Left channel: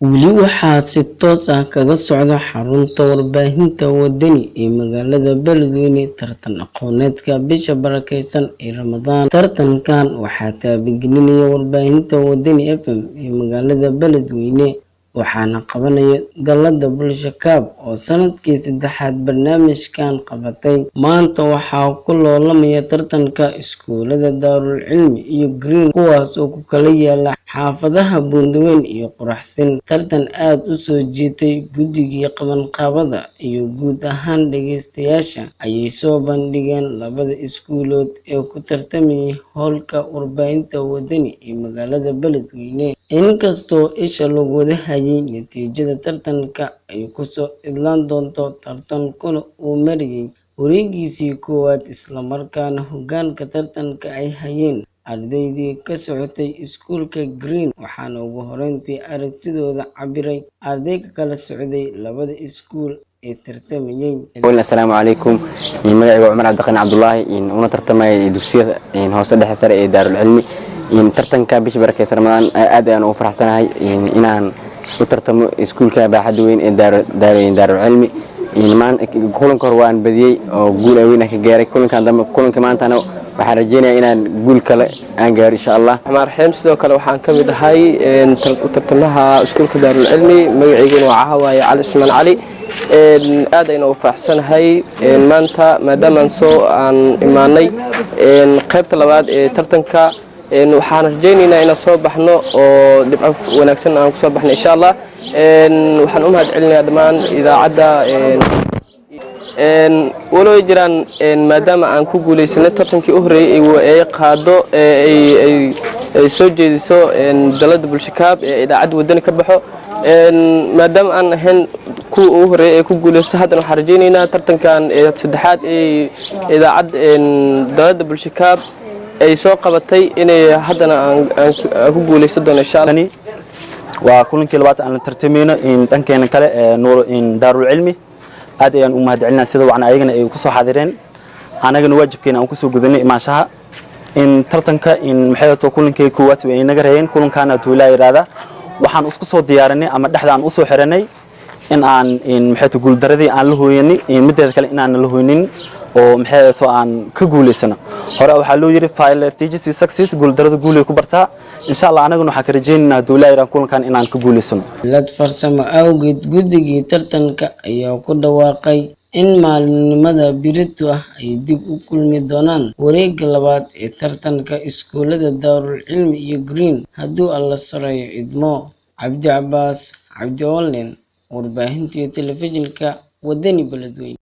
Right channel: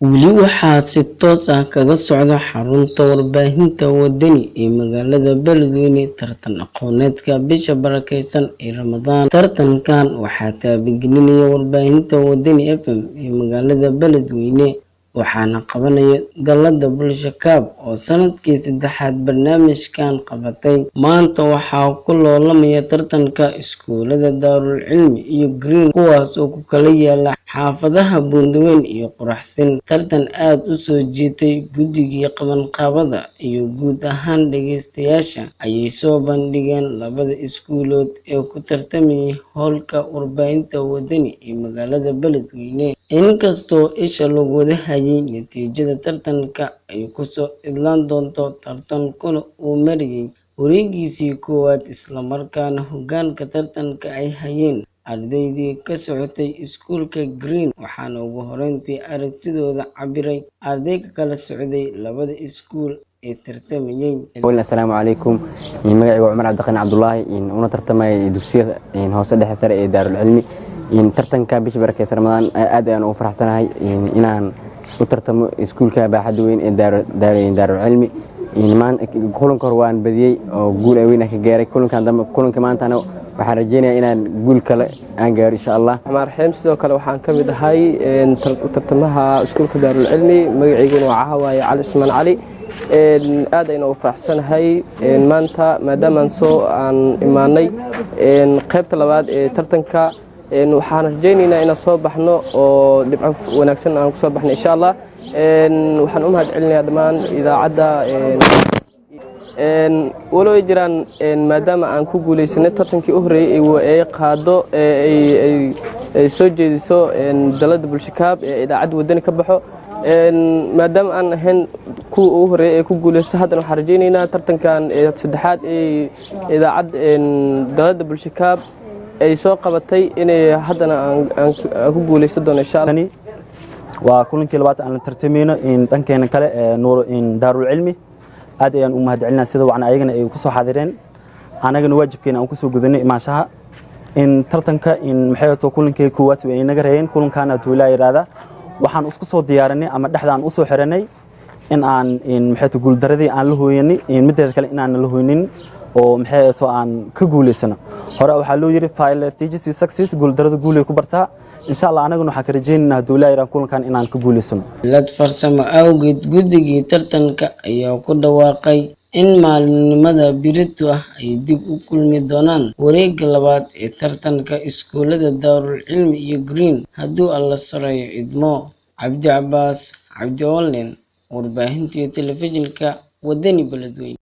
Weli waxaa si toos ah kaga socda xarunta warbaahinta wadani ee magaalada Beledweyne tartan aqooneedka bisha barakeysan ee Ramadaan. Tartankan waxaa taabagelinaya warbaahinta Wadani FM ee magaalada Beledweyne, waxaana qabanaya Dallada Bulsho Cup oo sanadkii saddexaad barnaamijkan qabatay. Maanta waxaa ku loolamaya tartanka iskuulada Daarul Cilmi iyo Green, kuwaas oo ku kala yaala xaafadaha Buundweyn iyo Quraxsin. Tartan aad u soo jiitay guddigii qabanqaabada iyo guud ahaan dhageystayaasha ayay soo bandhigeen labada iskuulood ee ku tartamayay hoolka warbaahinta Wadani ee magaalada Beledweyne. Inkastoo isha lagu wada hayay natiijada tartanka ay kusoo idlaan doonto, tartankuna uu marayay wareegiisii koowaad isla markaana hoggaanka tartanka ay hayeen ardaydii ka socotay iskuulka Green, waxaana ugu horreyntii aragtidooda cabiray arday ka kala socday labada iskuul ee tartamayay. Assalaamu calaykum. Magacayga Cumar Cabdiqani Cabdullaahi una tartamay dugsiyada hoose dhexe sare ee Daarul Cilmi. Tartanka bisha barakeysan Ramadaan aad ayaan ugu faraxsanahay inaan u tartamo iskuulka baaxadda weyn ee Daarul Cilmi. Kulanka hore waan badiyay oo guul weyn ka gaaray. Kulanka maantana waxaan rajeynayaa inaan guul kale aan gaaro insha Allah. Marxeen sidoo kale waxaan ka mid ahay tartamaha iskuulka Daarul Cilmi. Magaceyguna waa Cahawaaye Cali Ismaan Cali. aad ayaan ugu faraxsanahay maanta maadaama aan imaanay qaybta labaad ee tartanka. waxaan rajeynaynaa inaan soo baxno oo dhibco wanaagsan aan ku soo baxno insha Allah. waxaan u mahadcelinayaa dhammaan idaacadda walow jiraan maadaama aan ku guuleysanay tartankii u horeeyay ee qaado ay soo jeediso Dallada Bulsho Cup ee idaacadda Wadani ka baxo. maadaama aan ahayn kuwa ugu horeeyay ee ku guuleysto, haddana waxaan rajeynaynaa tartankan saddexaad ee idaacadda Dallada Bulsho Cup ay soo qabatay inay haddana aan ku guuleysan doono insha Allah. waa kulankii labaad aan la tartamayno dhankeena kale Daarul Cilmi. aad ayaan u mahadcelinaa sida wacan ayagana ay ku soo xaadireen, anagana waajibkeena aan ku soo gudanay imaanshaha tartanka maxay tahay kulankii koowaad ay naga reeyeen. kulankaana tuulaa yiraahdaa waxaan isku soo diyaarinay ama dhexdaan u soo xiranay in aan maxay tahay guul daradii aan la hooyanay mideeda kale inaan la hooynin oo maxay tahay aan ka guuleysano. hore waxaa loo yiri failure teaches you success, guul darada guul ay ku bartaa. insha Allah anaguna waxaan ka rajeynaynaa duulayran kulankan inaan ka guuleysano. Lad farsamo awgeed guddigii tartanka ayaa ku dhawaaqay in maalinimada birito ah ay dib u kulmi doonaan wareegga labaad ee tartanka iskuulada Daarul Cilmi iyo Green hadduu Alla sareeyo idmo. Cabdi Cabbaas, Cabdi Online, warbaahinta iyo telefishinka Wadani Beledweyne.